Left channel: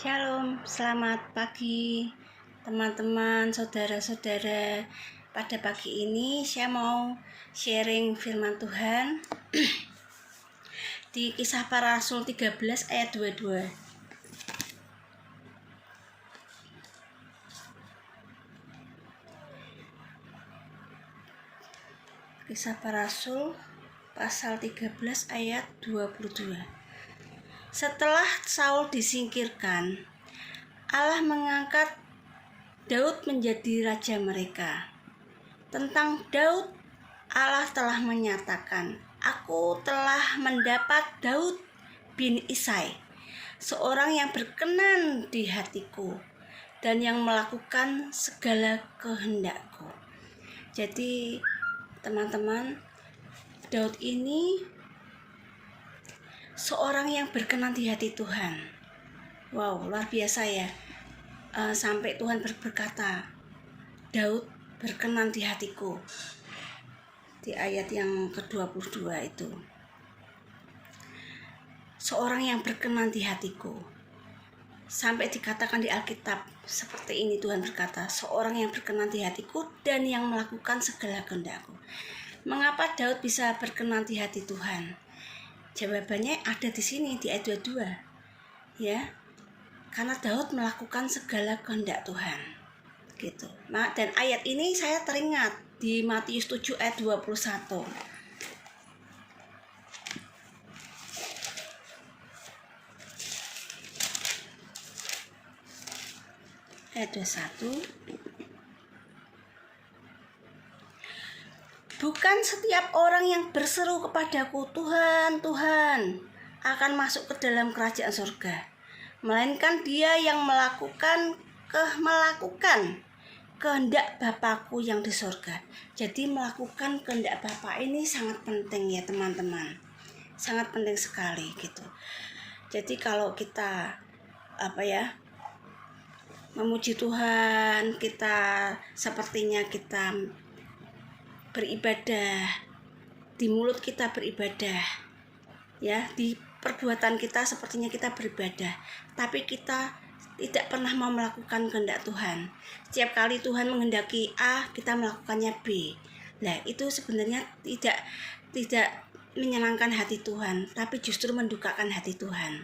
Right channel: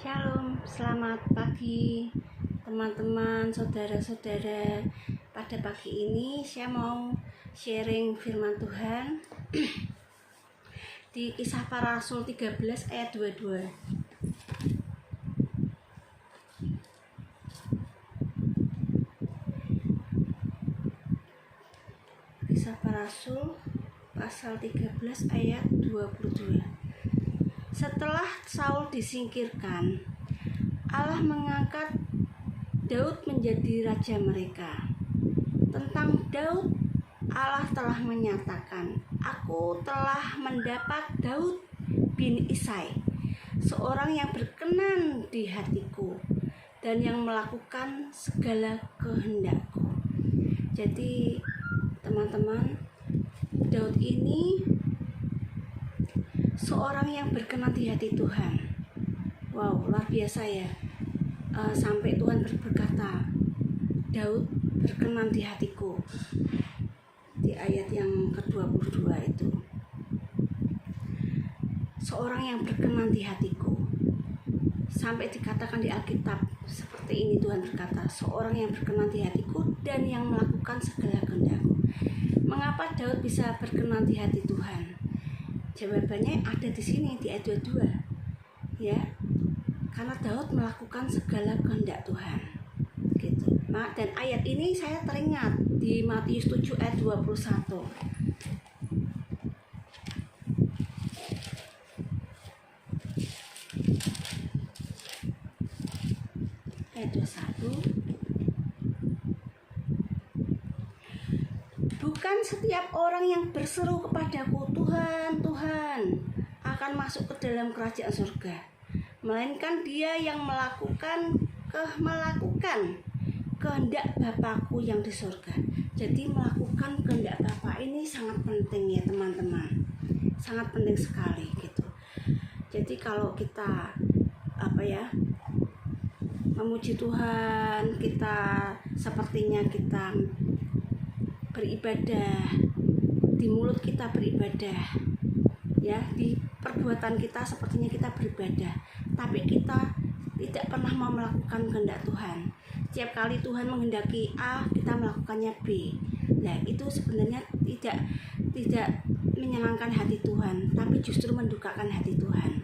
Shalom, selamat pagi teman-teman, saudara-saudara. Pada pagi ini saya mau sharing firman Tuhan di Kisah Para Rasul 13 ayat 22. Kisah Para Rasul pasal 13 ayat 22. Setelah Saul disingkirkan, Allah mengangkat Daud menjadi raja mereka. Tentang Daud, Allah telah menyatakan, "Aku telah mendapat Daud bin Isai, seorang yang berkenan di hatiku dan yang melakukan segala kehendakku." Jadi teman-teman, Daud ini seorang yang berkenan di hati Tuhan. Wow, luar biasa ya. Sampai Tuhan berkata, Daud berkenan di hatiku, di ayat yang ke-22 itu. Seorang yang berkenan di hatiku. Sampai dikatakan di Alkitab seperti ini, Tuhan berkata, seorang yang berkenan di hatiku dan yang melakukan segala kehendakku. Mengapa Daud bisa berkenan di hati Tuhan? Jawabannya ada di sini di ayat 22. Ya. Karena Daud melakukan segala kehendak Tuhan. Gitu. Dan ayat ini saya teringat di Matius 7 ayat 21. Ayat 21. Bukan setiap orang yang berseru kepadaku, Tuhan, Tuhan, akan masuk ke dalam kerajaan surga, melainkan dia yang melakukan kehendak Bapakku yang di surga. Jadi melakukan kehendak Bapa ini sangat penting ya teman-teman, sangat penting sekali gitu. Jadi kalau kita memuji Tuhan, kita sepertinya kita beribadah, di mulut kita beribadah, ya, di perbuatan kita sepertinya kita beribadah, tapi kita tidak pernah mau melakukan kehendak Tuhan. Setiap kali Tuhan menghendaki A, kita melakukannya B. Nah, itu sebenarnya tidak menyenangkan hati Tuhan, tapi justru mendukakan hati Tuhan.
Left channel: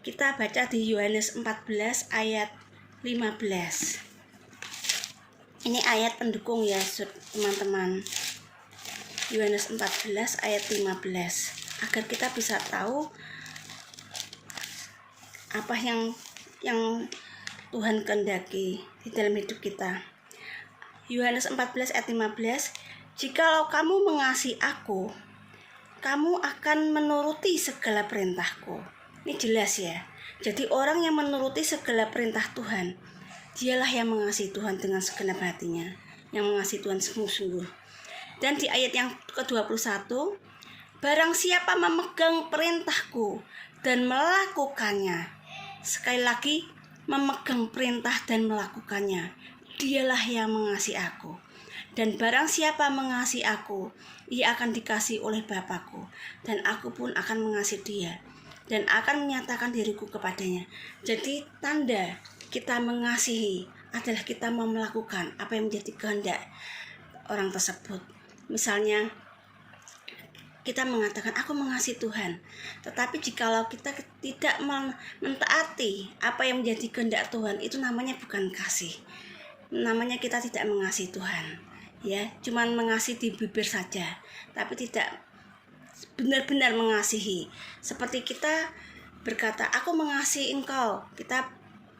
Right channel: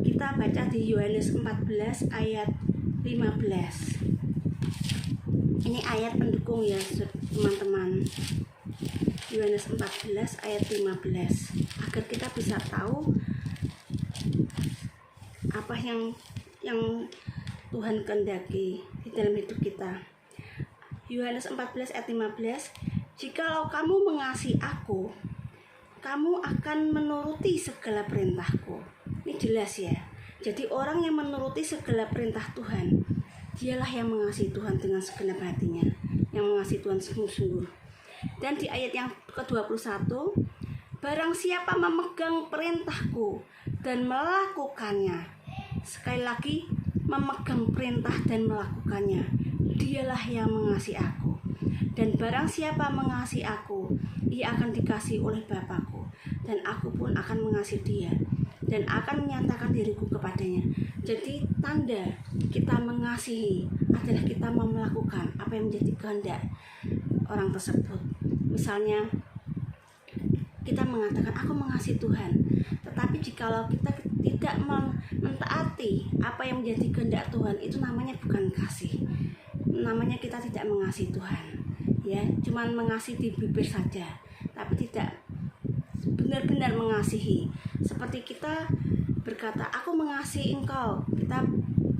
Kita baca di Yohanes 14 ayat 15. Ini ayat pendukung ya teman-teman. Yohanes 14 ayat 15. Agar kita bisa tahu apa yang Tuhan kehendaki di dalam hidup kita. Yohanes 14 ayat 15. Jikalau kamu mengasihi aku, kamu akan menuruti segala perintahku. Ini jelas ya. Jadi orang yang menuruti segala perintah Tuhan, dialah yang mengasihi Tuhan dengan segenap hatinya, yang mengasihi Tuhan sungguh-sungguh. Dan di ayat yang ke-21, barang siapa memegang perintahku dan melakukannya, sekali lagi, memegang perintah dan melakukannya, dialah yang mengasihi aku. Dan barang siapa mengasihi aku, ia akan dikasihi oleh Bapakku, dan aku pun akan mengasihi dia, dan akan menyatakan diriku kepadanya. Jadi tanda kita mengasihi adalah kita mau melakukan apa yang menjadi kehendak orang tersebut. Misalnya kita mengatakan aku mengasihi Tuhan, tetapi jikalau kita tidak mentaati apa yang menjadi kehendak Tuhan, itu namanya bukan kasih. Namanya kita tidak mengasihi Tuhan. Ya, cuman mengasihi di bibir saja, tapi tidak benar-benar mengasihi. Seperti kita berkata, aku mengasihi engkau. Kita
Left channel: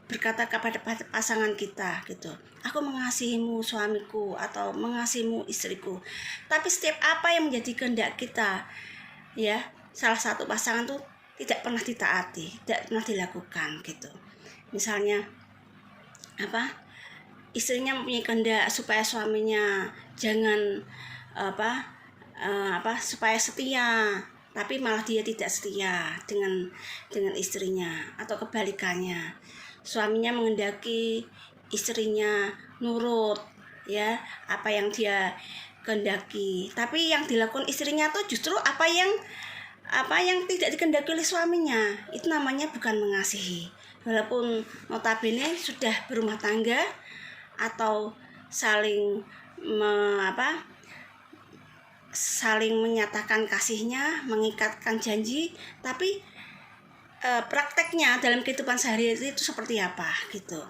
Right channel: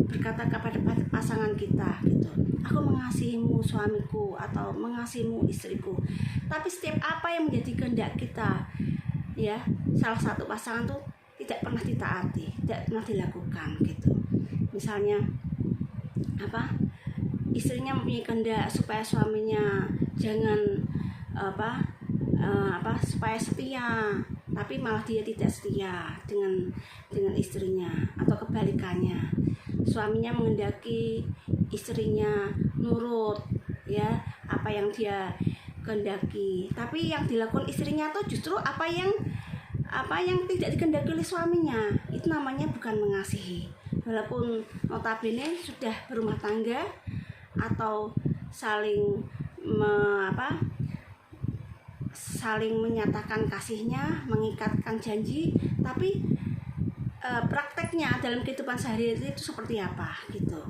berkata kepada pasangan kita gitu, aku mengasihimu suamiku, atau mengasihimu istriku. Tapi setiap apa yang menjadi kehendak kita, ya, salah satu pasangan tuh tidak pernah ditaati, tidak pernah dilakukan gitu. Misalnya istrinya mempunyai kehendak supaya suaminya jangan supaya setia, tapi malah dia tidak setia dengan istrinya, atau kebalikannya. Suaminya menghendaki istrinya nurut ya apa yang dia kehendaki, tapi yang dilakukan istrinya tuh justru apa yang tidak dikehendaki oleh suaminya. Itu namanya bukan mengasihi. walaupun notabene sudah berumah tangga atau saling saling menyatakan kasihnya, mengikatkan janji, tapi prakteknya dalam kehidupan sehari-hari itu seperti apa gitu.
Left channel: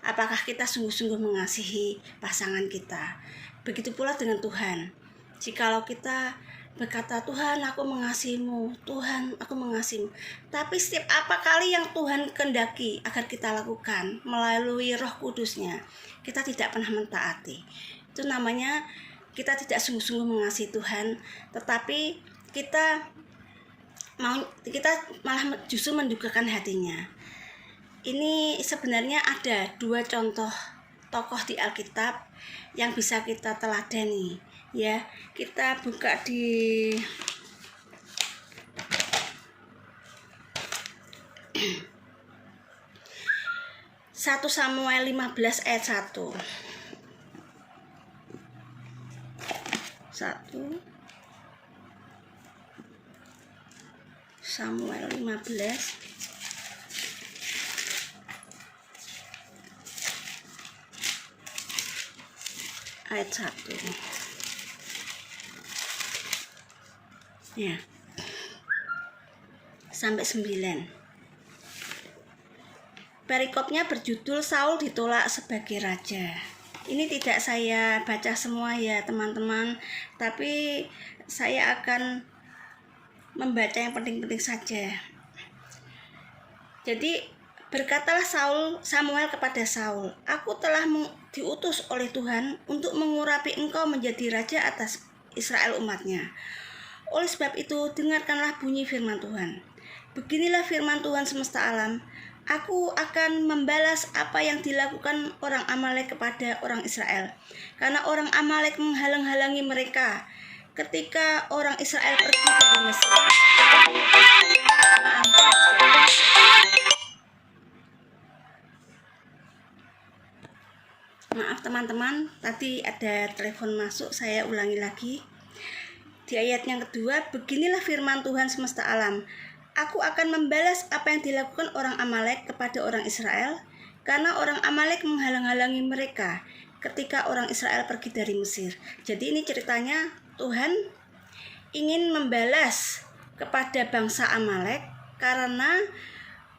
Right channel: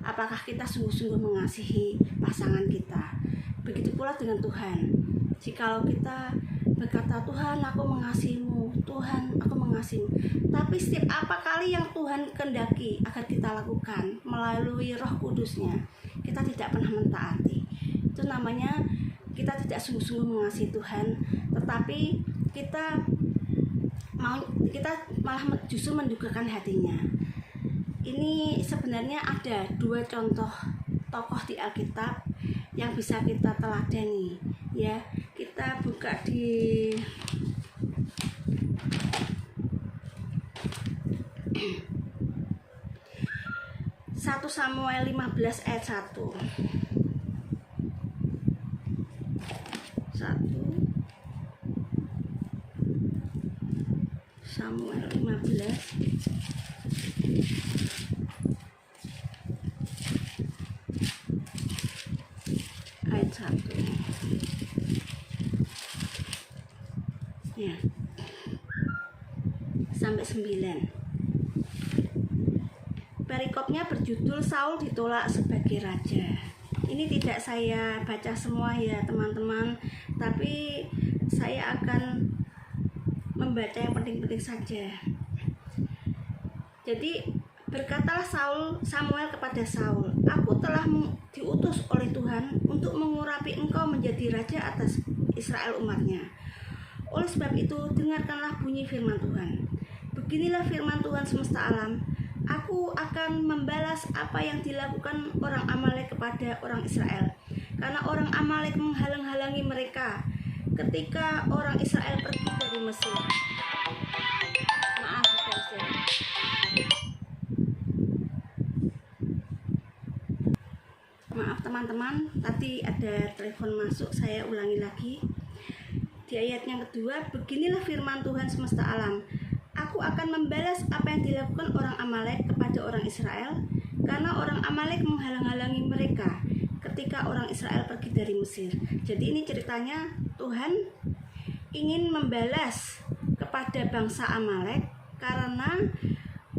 Apakah kita sungguh-sungguh mengasihi pasangan kita? Begitu pula dengan Tuhan. Jikalau kita berkata, Tuhan aku mengasihimu, Tuhan aku mengasihimu, tapi setiap apa kali yang Tuhan kehendaki agar kita lakukan melalui Roh Kudusnya, kita tidak pernah mentaati. Itu namanya kita tidak sungguh-sungguh mengasihi Tuhan, tetapi kita malah justru mendukakan hatinya. Ini sebenarnya ada 2 contoh tokoh di Alkitab yang bisa kita teladani ya. Kita buka di Satu Samuel 15 ayat 1. 1 Samuel 15 ayat 1 ya sampai 9. Perikopnya berjudul Saul ditolak sebagai raja. Ini tidak saya baca semua ya teman-teman, tapi saya akan membaca yang penting-penting saja. Jadi berkatalah Samuel kepada Saul, aku telah diutus oleh Tuhan untuk mengurapi engkau menjadi raja atas Israel umatnya. Oleh sebab itu dengarkanlah bunyi firman Tuhan. Beginilah firman Tuhan semesta alam, aku akan membalas apa yang dilakukan orang Amalek kepada orang Israel, karena orang Amalek menghalang-halangi mereka ketika orang Israel pergi dari Mesir. Maaf teman-teman, tadi ada telepon masuk, saya ulangi lagi. Di ayat yang kedua, beginilah firman Tuhan semesta alam, aku akan membalas apa yang dilakukan orang Amalek kepada orang Israel, karena orang Amalek menghalang-halangi mereka ketika orang Israel pergi dari Mesir. Jadi ini ceritanya Tuhan ingin membalas kepada bangsa Amalek karena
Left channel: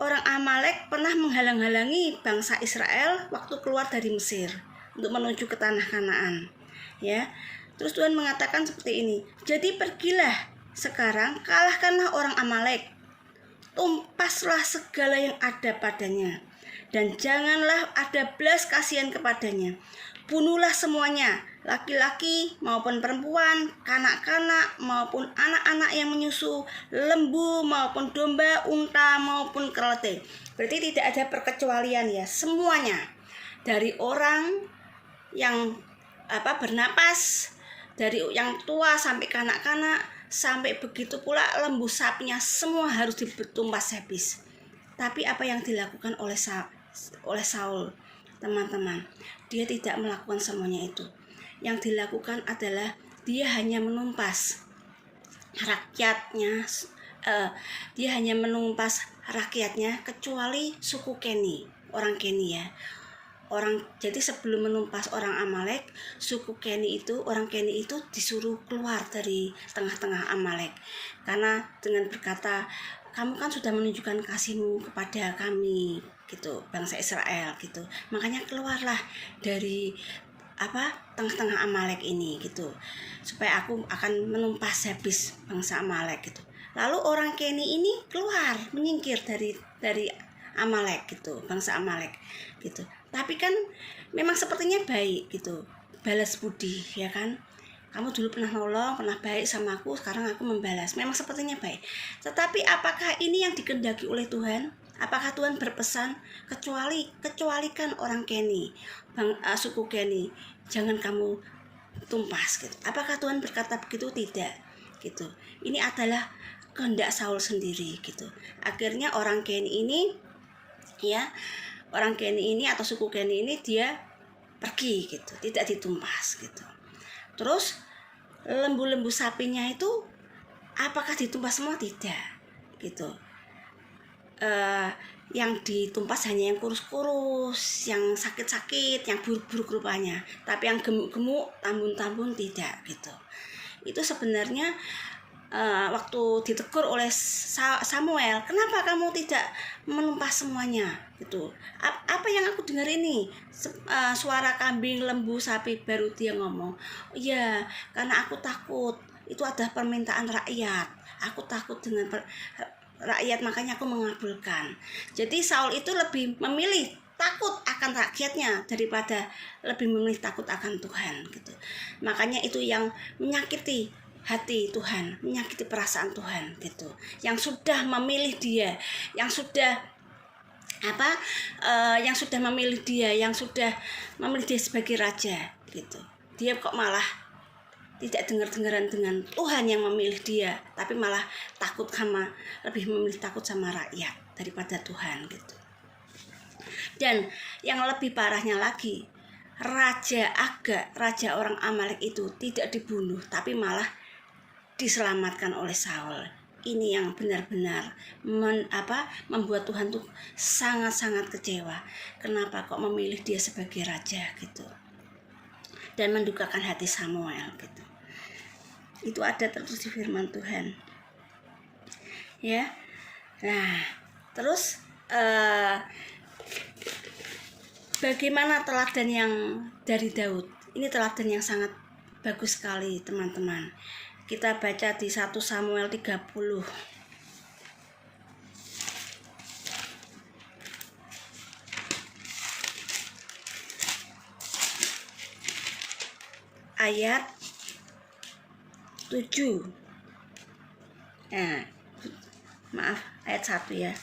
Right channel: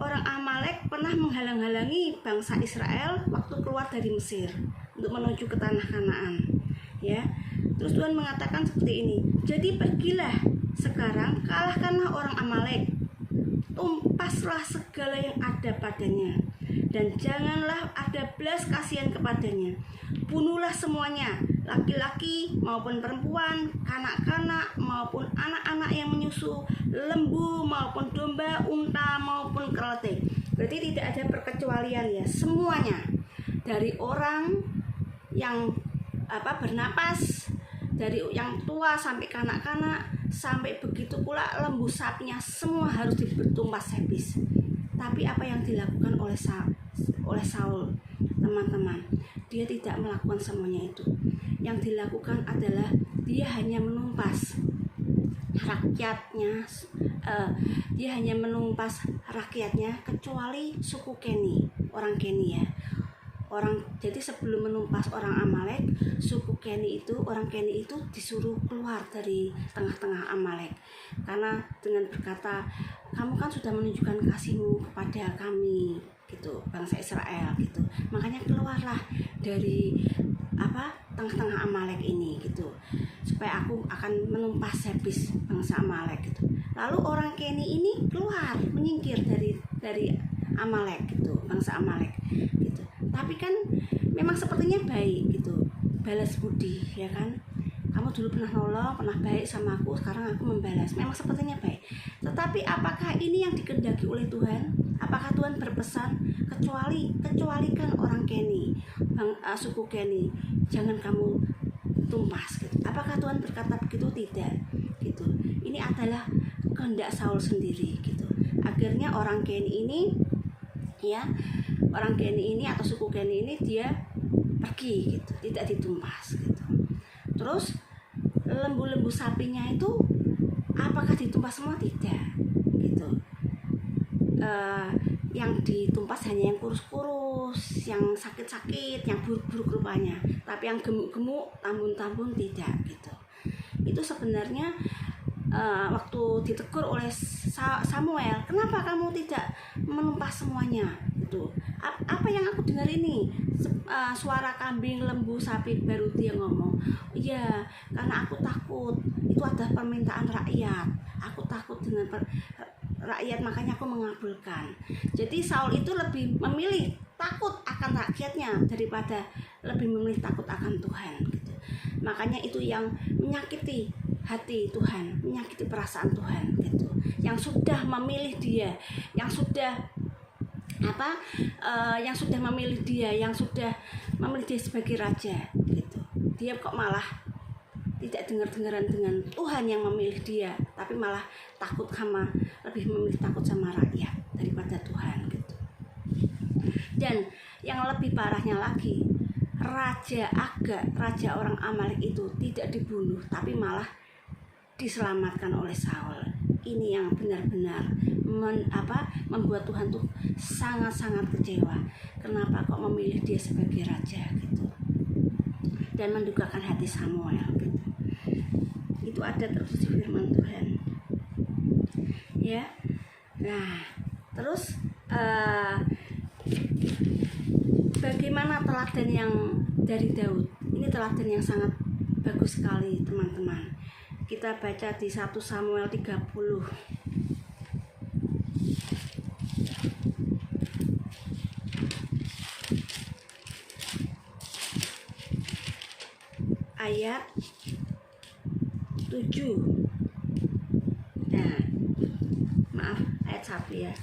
orang Amalek pernah menghalang-halangi bangsa Israel waktu keluar dari Mesir untuk menuju ke tanah Kanaan. Ya. Terus Tuhan mengatakan seperti ini. Jadi pergilah sekarang, kalahkanlah orang Amalek. Tumpaslah segala yang ada padanya, dan janganlah ada belas kasihan kepadanya. Bunuhlah semuanya, laki-laki maupun perempuan, kanak-kanak maupun anak-anak yang menyusu, lembu maupun domba, unta maupun keledai. Berarti tidak ada perkecualian ya, semuanya. Dari orang yang bernapas, dari yang tua sampai kanak-kanak, sampai begitu pula lembu sapinya, semua harus ditumpas habis. Tapi apa yang dilakukan oleh Saul, teman-teman, dia tidak melakukan semuanya itu. Yang dilakukan adalah dia hanya menumpas rakyatnya, kecuali suku Keni, orang Keni ya. Jadi sebelum menumpas orang Amalek, suku Keni itu, orang Keni itu disuruh keluar dari tengah-tengah Amalek, karena dengan berkata, kamu kan sudah menunjukkan kasihmu kepada kami gitu, bangsa Israel gitu, makanya keluarlah dari tengah-tengah Amalek ini gitu, supaya aku akan menumpas habis bangsa Amalek gitu. Lalu orang Keni ini keluar, menyingkir dari Amalek gitu, bangsa Amalek gitu. Tapi kan memang sepertinya baik gitu, balas budi ya kan. Kamu dulu pernah nolong, pernah baik sama aku, sekarang aku membalas. Memang sepertinya baik. Tetapi apakah ini yang dikehendaki oleh Tuhan? Apakah Tuhan berpesan kecualikan orang Keni, suku Keni, jangan kamu tumpas gitu. Apakah Tuhan berkata begitu? Tidak gitu. Ini adalah kehendak Saul sendiri gitu. Akhirnya orang Keni ini atau suku Keni ini dia pergi gitu, tidak ditumpas gitu. Terus lembu-lembu sapinya itu apakah ditumpas semua? Tidak gitu. yang ditumpas hanya yang kurus-kurus, yang sakit-sakit, yang buruk-buruk rupanya. Tapi yang gemuk-gemuk, tambun-tambun tidak gitu. Itu sebenarnya waktu ditegur oleh Samuel, kenapa kamu tidak menumpas semuanya gitu. Apa yang aku dengar ini suara kambing, lembu, sapi, baru dia ngomong, iya karena aku takut, itu adalah permintaan rakyat, aku takut dengan rakyat, makanya aku mengabulkan. Jadi Saul itu lebih memilih takut akan rakyatnya daripada lebih memilih takut akan Tuhan gitu. Makanya itu yang menyakiti hati Tuhan, menyakiti perasaan Tuhan gitu. Yang sudah memilih dia, yang sudah memilih dia, yang sudah memilih dia sebagai raja gitu. Dia kok malah tidak dengar-dengaran dengan Tuhan yang memilih dia, tapi malah lebih memilih takut sama rakyat daripada Tuhan gitu. Dan yang lebih parahnya lagi, Raja Agag, raja orang Amalek itu tidak dibunuh, tapi malah diselamatkan oleh Saul. Ini yang benar-benar membuat Tuhan tuh sangat-sangat kecewa. Kenapa kok memilih dia sebagai raja gitu? Dan mendukakan hati Samuel gitu. Itu ada tertulis di firman Tuhan. Ya. Nah, terus bagaimana teladan yang dari Daud? Ini teladan yang sangat bagus sekali, teman-teman. Kita baca di 1 Samuel 30. Ayat 7. Nah, maaf, ayat 1 ya.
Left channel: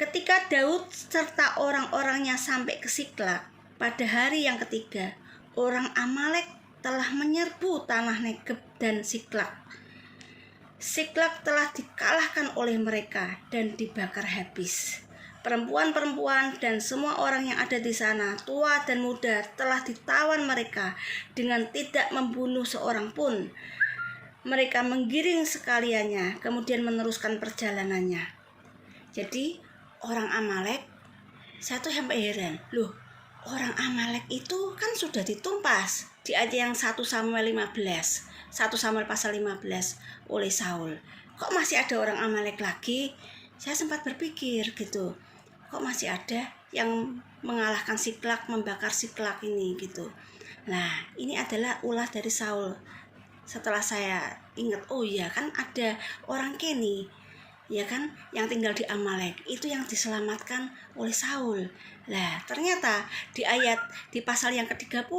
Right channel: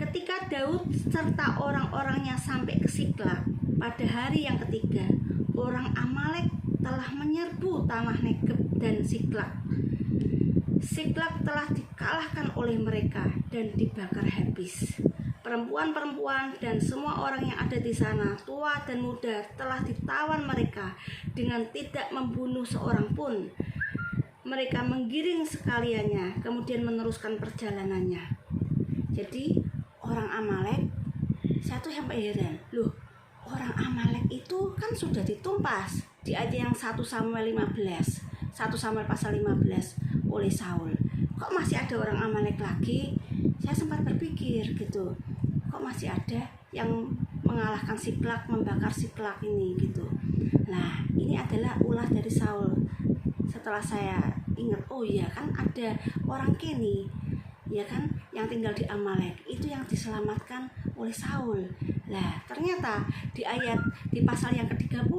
Ketika Daud serta orang-orangnya sampai ke Siklag pada hari yang ketiga, orang Amalek telah menyerbu tanah Negeb dan Siklag. Siklag telah dikalahkan oleh mereka dan dibakar habis. Perempuan-perempuan dan semua orang yang ada di sana, tua dan muda, telah ditawan mereka dengan tidak membunuh seorang pun. Mereka menggiring sekaliannya, kemudian meneruskan perjalanannya. Jadi orang Amalek, saya tuh sampai heran, loh, orang Amalek itu kan sudah ditumpas di ayat yang 1 Samuel 15, 1 Samuel pasal 15 oleh Saul. Kok masih ada orang Amalek lagi? Saya sempat berpikir gitu, kok masih ada yang mengalahkan Siklag, membakar Siklag ini gitu. Nah, ini adalah ulah dari Saul. Setelah saya ingat, oh iya kan ada orang Keni, ya kan, yang tinggal di Amalek, itu yang diselamatkan oleh Saul. Nah, ternyata di pasal yang ke-30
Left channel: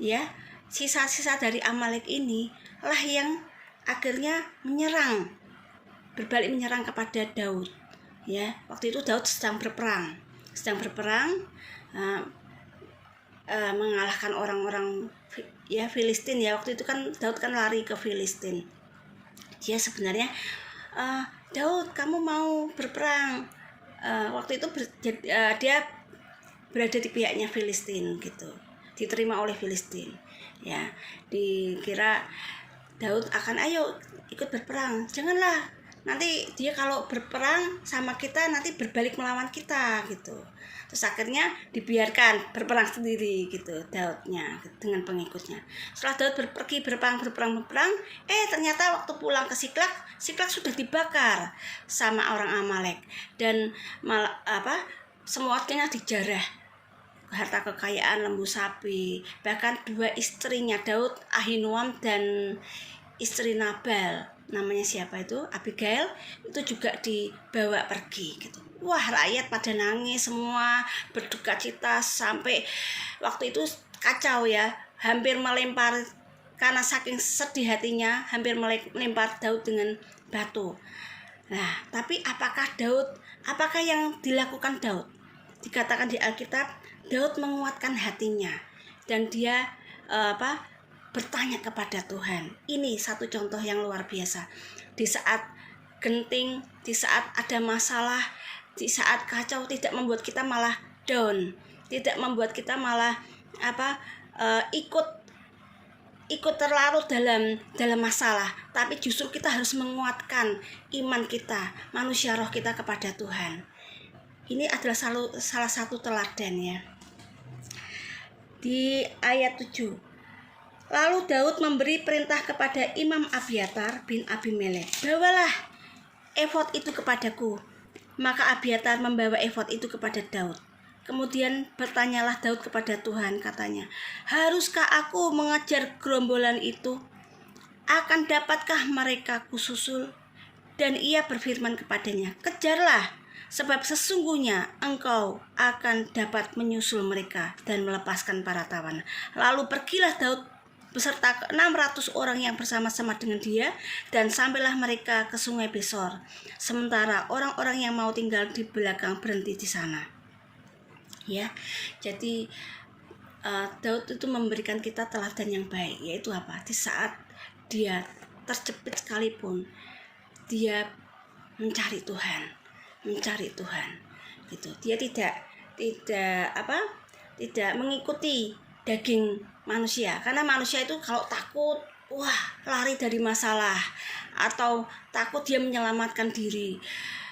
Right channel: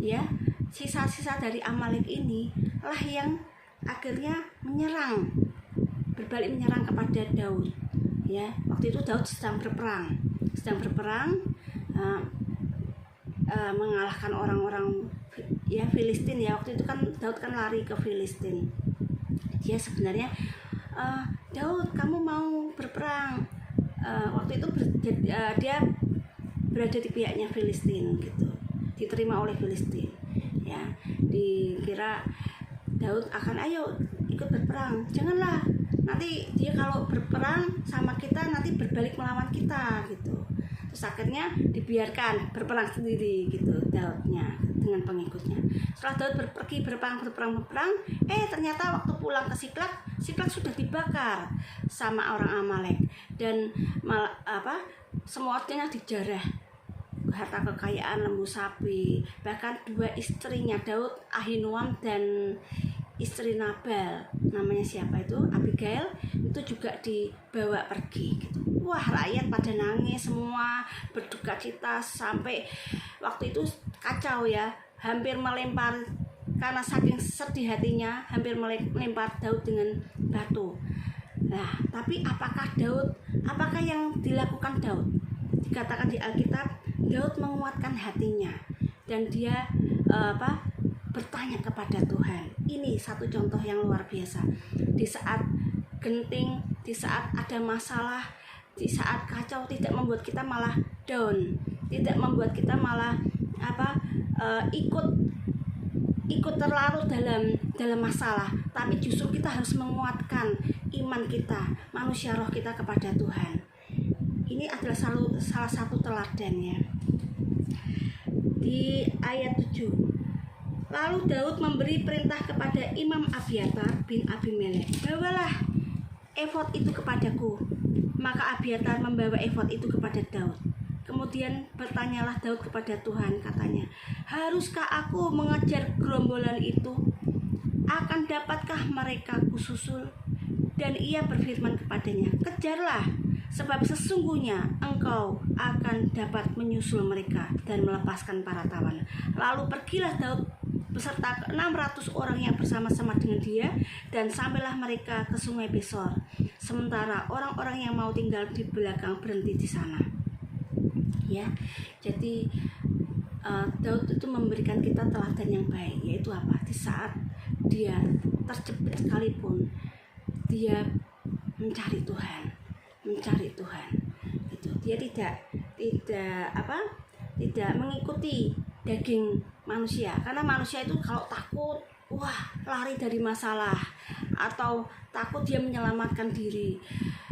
ya, sisa-sisa dari Amalek ini lah yang akhirnya berbalik menyerang kepada Daud. Ya, waktu itu Daud sedang berperang, mengalahkan orang-orang ya Filistin ya. Waktu itu kan Daud kan lari ke Filistin. Dia sebenarnya Daud, kamu mau berperang? Waktu itu dia berada di pihaknya Filistin gitu, diterima oleh Filistin ya. Dikira Daud akan ayo ikut berperang, janganlah, nanti dia kalau berperang sama kita nanti berbalik melawan kita gitu. Terus akhirnya dibiarkan berperang sendiri gitu Daudnya dengan pengikutnya. Setelah Daud pergi berperang, ternyata waktu pulang ke Siklag sudah dibakar sama orang Amalek dan semuanya dijarah, harta kekayaan, lembu sapi, bahkan 2 istrinya Daud, Ahinoam dan istri Nabal, namanya siapa itu, Abigail, itu juga dibawa pergi gitu. Wah, rakyat pada nangis semua, berduka cita, sampai waktu itu kacau ya, hampir melempar, karena saking sedih hatinya, hampir melempar Daud dengan batu. Nah, tapi apakah yang dilakukan Daud? Dikatakan di Alkitab, Daud menguatkan hatinya dan dia bertanya kepada Tuhan. Ini satu contoh yang luar biasa. Di saat genting, di saat ada masalah, di saat kacau, tidak membuat kita malah down, tidak membuat kita malah ikut ikut terlarut dalam masalah, tapi justru kita harus menguatkan iman kita, manusia roh kita kepada Tuhan. Ini adalah salah satu teladan ya. Di ayat 7, lalu Daud memberi perintah kepada Imam Abiatar bin Abimelek, bawalah efod itu kepadaku. Maka Abiatar membawa efod itu kepada Daud. Kemudian bertanyalah Daud kepada Tuhan, katanya, haruskah aku mengejar gerombolan itu? Akan dapatkah mereka kususul? Dan ia berfirman kepadanya, kejarlah, sebab sesungguhnya engkau akan dapat menyusul mereka dan melepaskan para tawanan. Lalu pergilah Daud beserta 600 orang yang bersama-sama dengan dia, dan sampailah mereka ke sungai Besor. Sementara orang-orang yang mau tinggal di belakang berhenti di sana. Ya, jadi Daud itu memberikan kita teladan yang baik, yaitu apa? Di saat dia terjepit sekalipun, dia mencari Tuhan, gitu. Dia tidak mengikuti daging manusia, karena manusia itu kalau takut, lari dari masalah, atau takut dia menyelamatkan diri,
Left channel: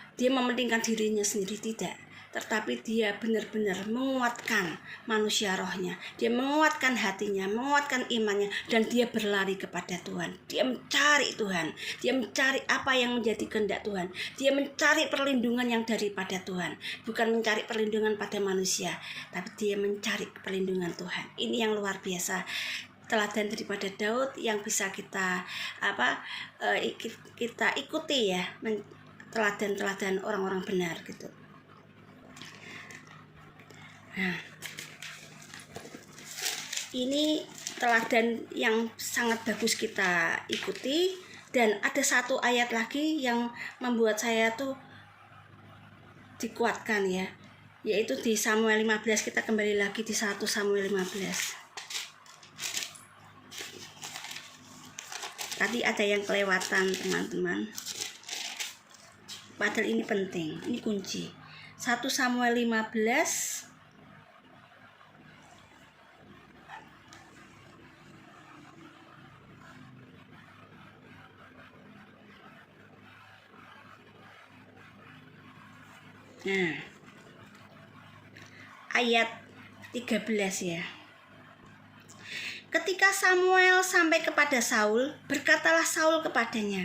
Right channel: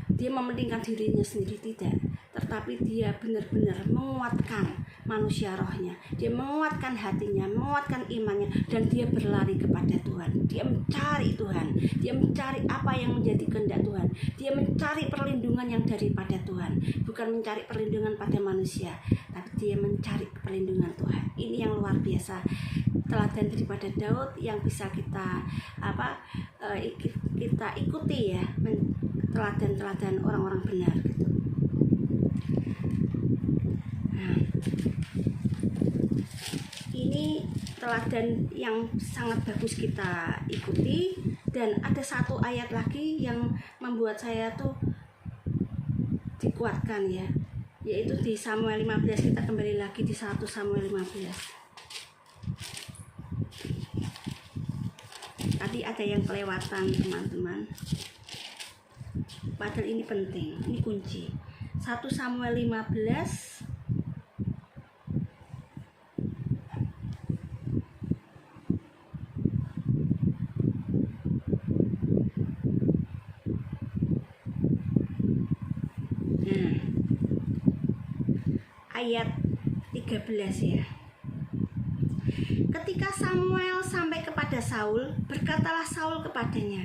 dia mementingkan dirinya sendiri, tidak. Tetapi dia benar-benar menguatkan manusia rohnya, dia menguatkan hatinya, menguatkan imannya, dan dia berlari kepada Tuhan. Dia mencari Tuhan, dia mencari apa yang menjadi kehendak Tuhan, dia mencari perlindungan yang daripada Tuhan, bukan mencari perlindungan pada manusia, tapi dia mencari perlindungan Tuhan. Ini yang luar biasa, teladan daripada Daud yang bisa kita ikuti ya, teladan-teladan orang-orang benar gitu. Nah, ini teladan yang sangat bagus kita ikuti. Dan ada satu ayat lagi yang membuat saya tuh dikuatkan ya, yaitu di Samuel 15. Kita kembali lagi di 1 Samuel 15. Tadi ada yang kelewatan teman-teman, padahal ini penting, ini kunci. 1 Samuel 15 ayat 13 ya. Ketika Samuel sampai kepada Saul, berkatalah Saul kepadanya,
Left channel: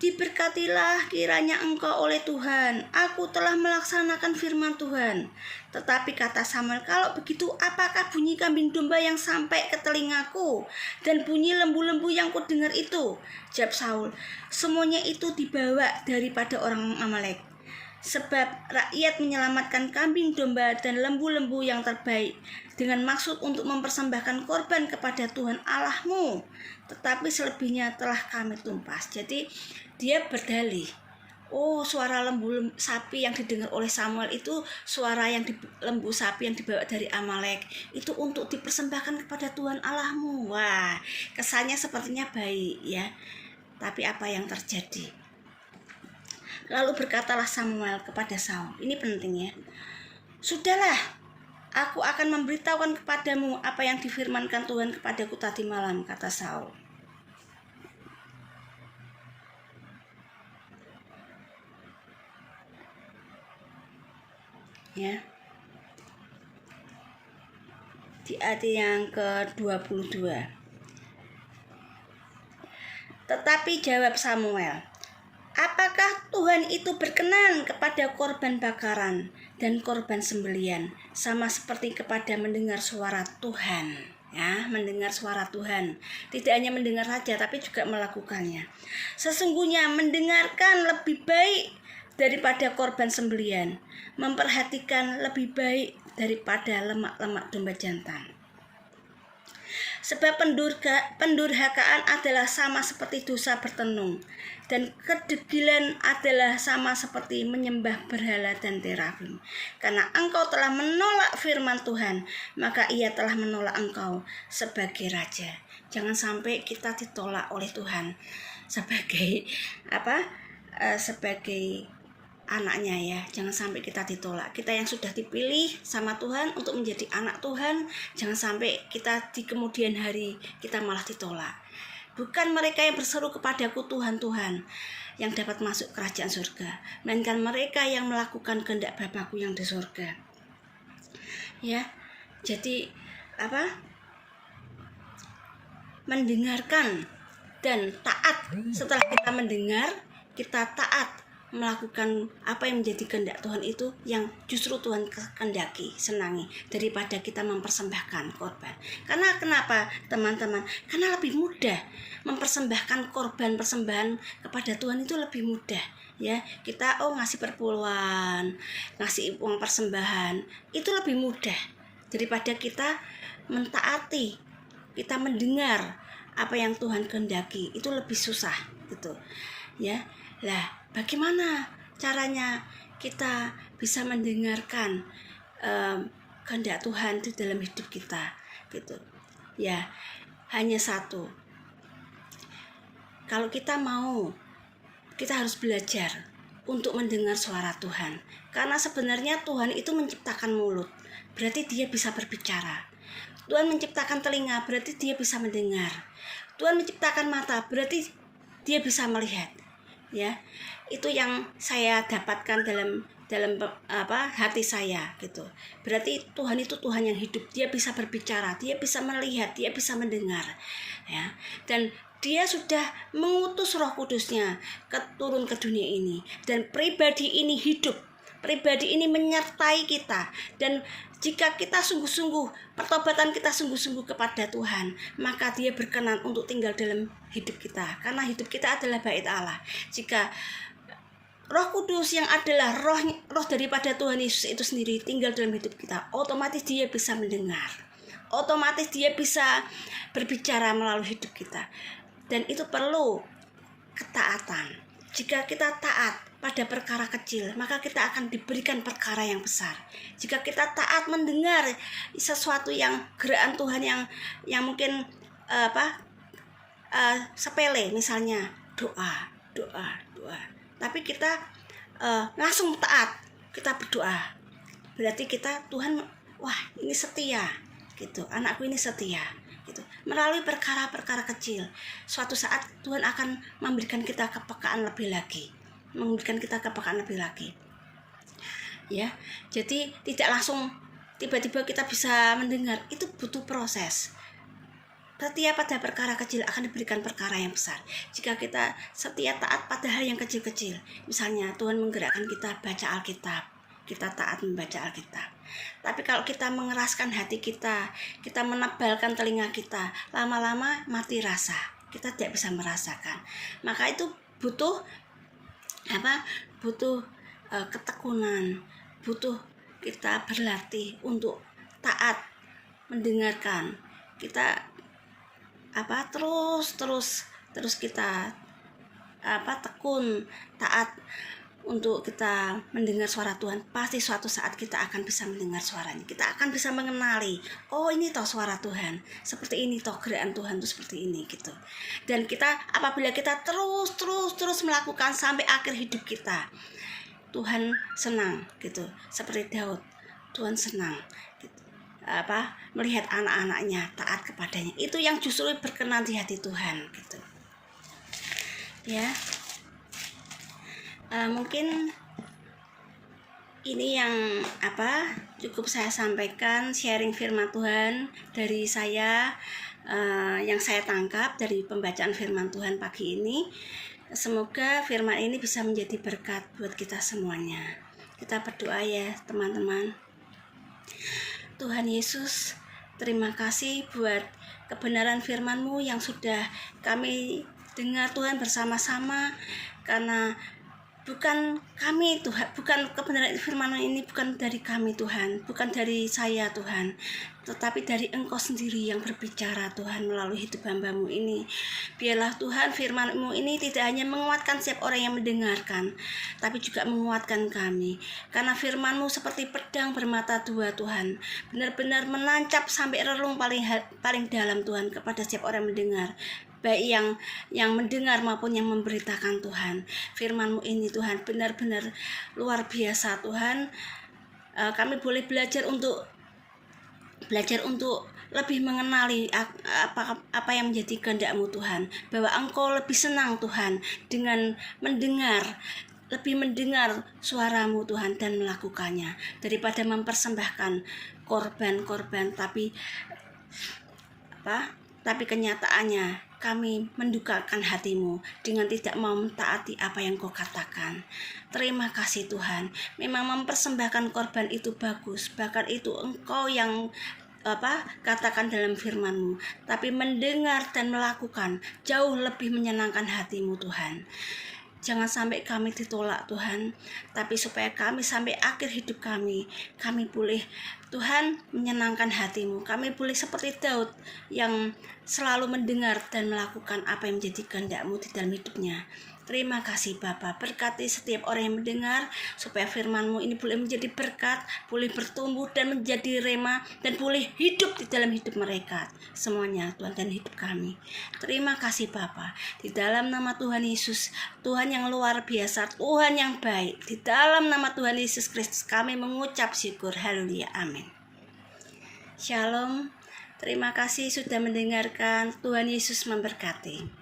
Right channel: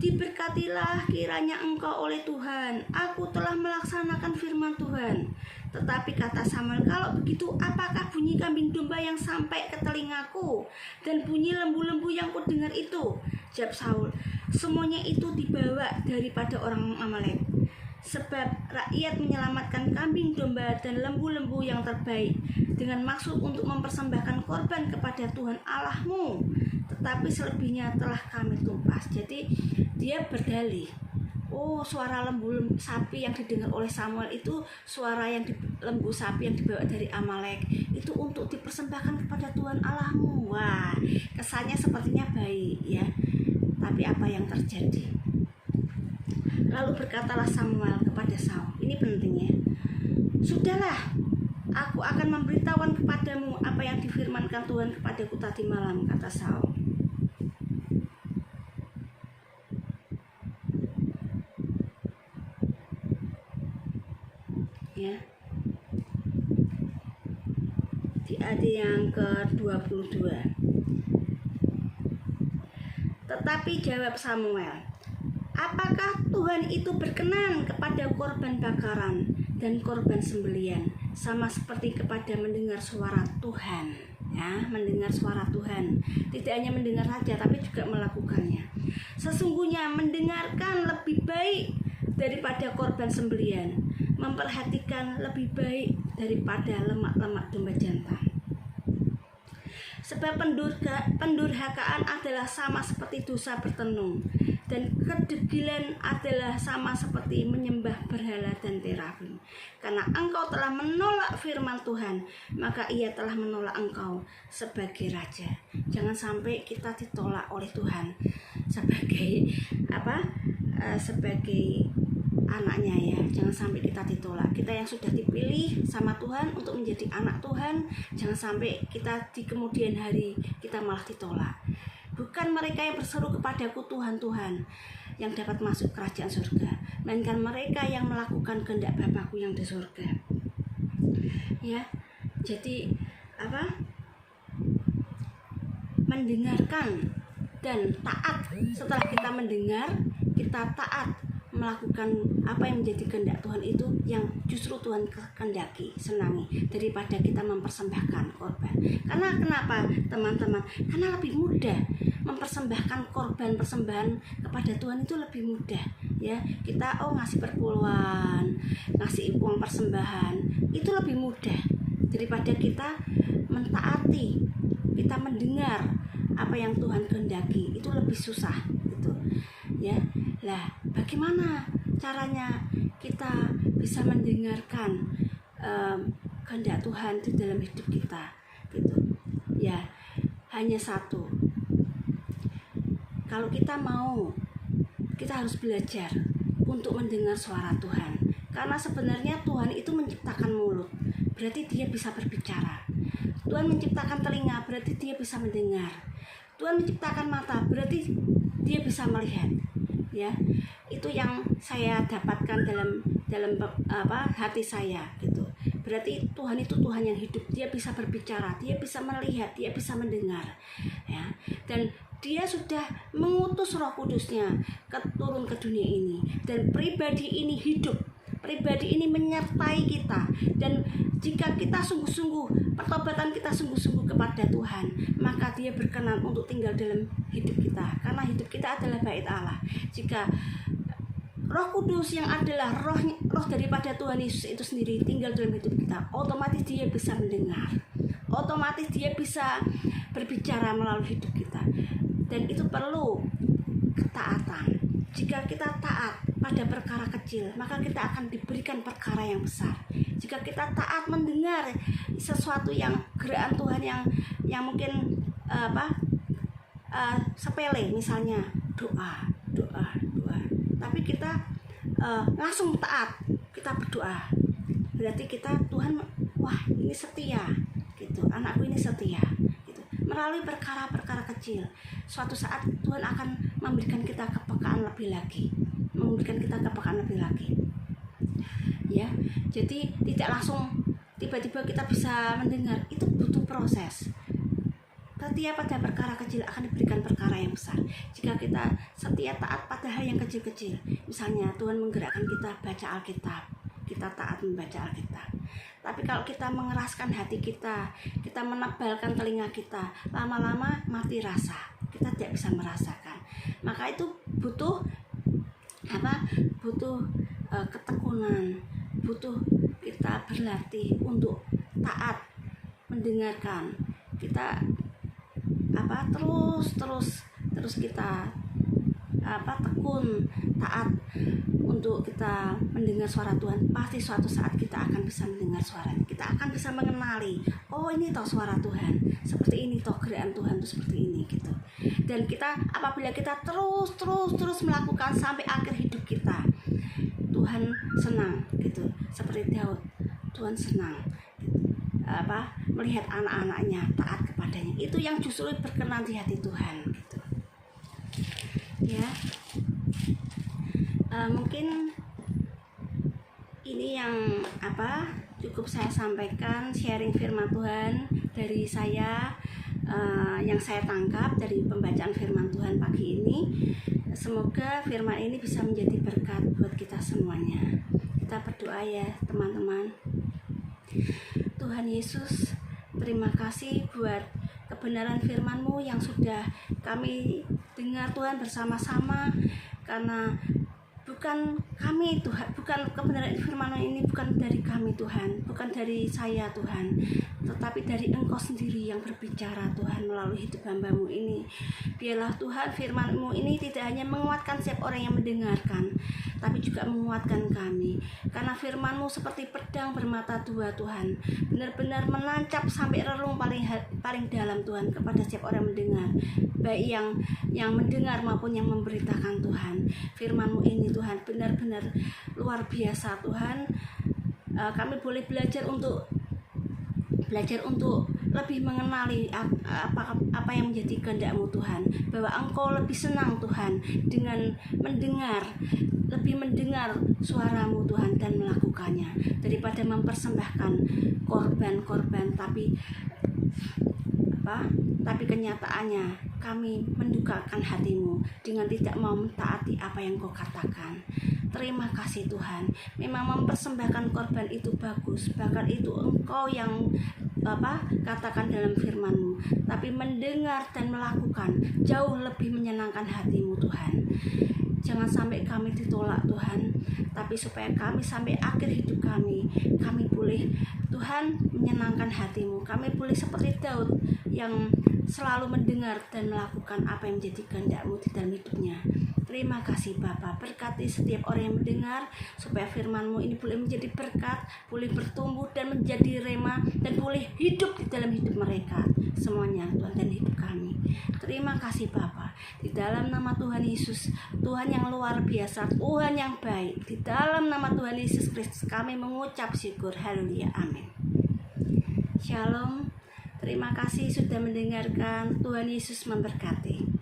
diberkatilah kiranya engkau oleh Tuhan, aku telah melaksanakan firman Tuhan. Tetapi kata Samuel, kalau begitu apakah bunyi kambing domba yang sampai ke telingaku dan bunyi lembu-lembu yang kudengar itu? Jawab Saul, semuanya itu dibawa daripada orang Amalek. Sebab rakyat menyelamatkan kambing domba dan lembu-lembu yang terbaik dengan maksud untuk mempersembahkan korban kepada Tuhan Allahmu, tetapi selebihnya telah kami tumpas. Jadi dia berdalih, suara lembu sapi yang didengar oleh Samuel itu suara lembu sapi yang dibawa dari Amalek, itu untuk dipersembahkan kepada Tuhan Allahmu. Wah, kesannya sepertinya baik ya, tapi apa yang terjadi? Lalu berkatalah Samuel kepada Saul, ini penting ya, sudahlah, aku akan memberitahukan kepadamu apa yang difirmankan Tuhan kepadaku tadi malam, kata Saul. Ya, di ayat yang ke-22. Tetapi jawab Samuel, apakah Tuhan itu berkenan kepada korban bakaran dan korban sembelian, sama seperti kepada mendengar suara Tuhan? Ya, mendengar suara Tuhan, tidak hanya mendengar saja, tapi juga melakukannya. Sesungguhnya mendengarkan lebih baik daripada korban sembelian, memperhatikan lebih baik daripada lemak-lemak domba jantan. Sebab pendurhakaan adalah sama seperti dosa bertenung, dan kedegilan adalah sama seperti menyembah berhala dan terafim. Karena engkau telah menolak firman Tuhan, maka ia telah menolak engkau sebagai raja. Jangan sampai kita ditolak oleh Tuhan sebagai sebagai anaknya ya. Jangan sampai kita ditolak. Kita yang sudah dipilih sama Tuhan untuk menjadi anak Tuhan, jangan sampai kita di kemudian hari kita malah ditolak. Bukan mereka yang berseru kepadaku Tuhan, Tuhan yang dapat masuk kerajaan surga, melainkan mereka yang melakukan kehendak Bapakku yang di surga. Ya. Jadi mendengarkan dan taat. Setelah kita mendengar, kita taat melakukan apa yang menjadi kehendak Tuhan, itu yang justru Tuhan kehendaki, senangi, daripada kita mempersembahkan korban. Karena kenapa teman-teman? Karena lebih mudah mempersembahkan korban, persembahan kepada Tuhan itu lebih mudah ya. Kita ngasih perpuluhan, ngasih uang persembahan, itu lebih mudah daripada kita mentaati, kita mendengar apa yang Tuhan kehendaki, itu lebih susah gitu ya. Lah, bagaimana caranya kita bisa mendengarkan kehendak Tuhan di dalam hidup kita gitu ya? Hanya satu, kalau kita mau, kita harus belajar untuk mendengar suara Tuhan. Karena sebenarnya Tuhan itu menciptakan mulut, berarti dia bisa berbicara. Tuhan menciptakan telinga, berarti dia bisa mendengar. Tuhan menciptakan mata, berarti dia bisa melihat. Ya, itu yang saya dapatkan dalam hati saya gitu. Berarti Tuhan itu Tuhan yang hidup, dia bisa berbicara, dia bisa melihat, dia bisa mendengar ya. Dan dia sudah mengutus Roh Kudusnya turun ke dunia ini, dan pribadi ini hidup. Pribadi ini menyertai kita, dan jika kita sungguh-sungguh, pertobatan kita sungguh-sungguh kepada Tuhan, maka dia berkenan untuk tinggal dalam hidup kita, karena hidup kita adalah bait Allah. Jika Roh Kudus yang adalah roh daripada Tuhan Yesus itu sendiri tinggal dalam hidup kita, otomatis dia bisa mendengar, otomatis dia bisa berbicara melalui hidup kita. Dan itu perlu ketaatan. Jika kita taat pada perkara kecil, maka kita akan diberikan perkara yang besar. Jika kita taat mendengar sesuatu yang gerakan Tuhan yang mungkin sepele, misalnya doa, tapi kita langsung taat, kita berdoa, berarti kita Tuhan, wah ini setia gitu, anakku ini setia gitu. Melalui perkara-perkara kecil, suatu saat Tuhan akan memberikan kita kepekaan lebih lagi, ya. Jadi tidak langsung tiba-tiba kita bisa mendengar, itu butuh proses. Setia pada perkara kecil akan diberikan perkara yang besar. Jika kita setia taat pada hal yang kecil-kecil, misalnya Tuhan menggerakkan kita baca Alkitab, kita taat membaca Alkitab. Tapi kalau kita mengeraskan hati kita menebalkan telinga kita, lama-lama mati rasa, kita tidak bisa merasakan. Maka itu butuh ketekunan, butuh kita berlatih untuk taat mendengarkan. Kita terus kita tekun taat untuk kita mendengar suara Tuhan. Pasti suatu saat kita akan bisa mendengar suaranya, kita akan bisa mengenali, oh ini toh suara Tuhan, seperti ini toh gerakan Tuhan tuh seperti ini gitu. Dan kita apabila kita terus melakukan sampai akhir hidup kita, Tuhan senang gitu. Seperti Daud, Tuhan senang gitu, melihat anak-anaknya taat kepadanya. Itu yang justru berkenan di hati Tuhan gitu ya. Mungkin ini yang cukup saya sampaikan, sharing firman Tuhan dari saya, yang saya tangkap dari pembacaan firman Tuhan pagi ini. Semoga firman ini bisa menjadi berkat buat kita semuanya. Kita berdoa ya teman-teman. Tuhan Yesus, terima kasih buat kebenaran firman-Mu yang sudah kami dengar Tuhan bersama-sama, karena bukan kami Tuhan, bukan kebenaran firman ini bukan dari kami Tuhan, bukan dari saya Tuhan, tetapi dari Engkau sendiri yang berbicara Tuhan melalui hidup hamba-Mu ini. Biarlah Tuhan firman-Mu ini tidak hanya menguatkan setiap orang yang mendengarkan, tapi juga menguatkan kami, karena firman-Mu seperti pedang bermata dua Tuhan, benar-benar menancap sampai relung paling dalam Tuhan kepada setiap orang yang mendengar, baik yang mendengar maupun yang memberitakan Tuhan. Firman-Mu ini Tuhan benar-benar benar-benar luar biasa Tuhan. Kami boleh belajar untuk lebih mengenali apa yang menjadi kehendak-Mu Tuhan, bahwa Engkau lebih senang Tuhan dengan lebih mendengar suara-Mu Tuhan dan melakukannya, daripada mempersembahkan korban-korban tapi kenyataannya kami mendukakan hati-Mu dengan tidak mau mentaati apa yang Kau katakan. Terima kasih Tuhan. Memang mempersembahkan korban itu bagus, bahkan itu Engkau yang katakan dalam firman-Mu, tapi mendengar dan melakukan jauh lebih menyenangkan hati-Mu Tuhan. Jangan sampai kami ditolak Tuhan, tapi supaya kami sampai akhir hidup kami boleh Tuhan menyenangkan hati-Mu. Kami boleh seperti Daud yang selalu mendengar dan melakukan apa yang menjadi kehendak-Mu di dalam hidupnya. Terima kasih Bapa, berkati setiap orang yang mendengar, supaya firman-Mu ini boleh menjadi berkat, boleh bertumbuh dan menjadi rema, dan boleh hidup di dalam hidup mereka semuanya Tuhan, dan hidup kami. Terima kasih Bapa, di dalam nama Tuhan Yesus, Tuhan yang luar biasa, Tuhan yang baik, di dalam nama Tuhan Yesus Kristus kami mengucap syukur. Haleluya, amin. Shalom. Terima kasih sudah mendengarkan. Tuhan Yesus memberkati.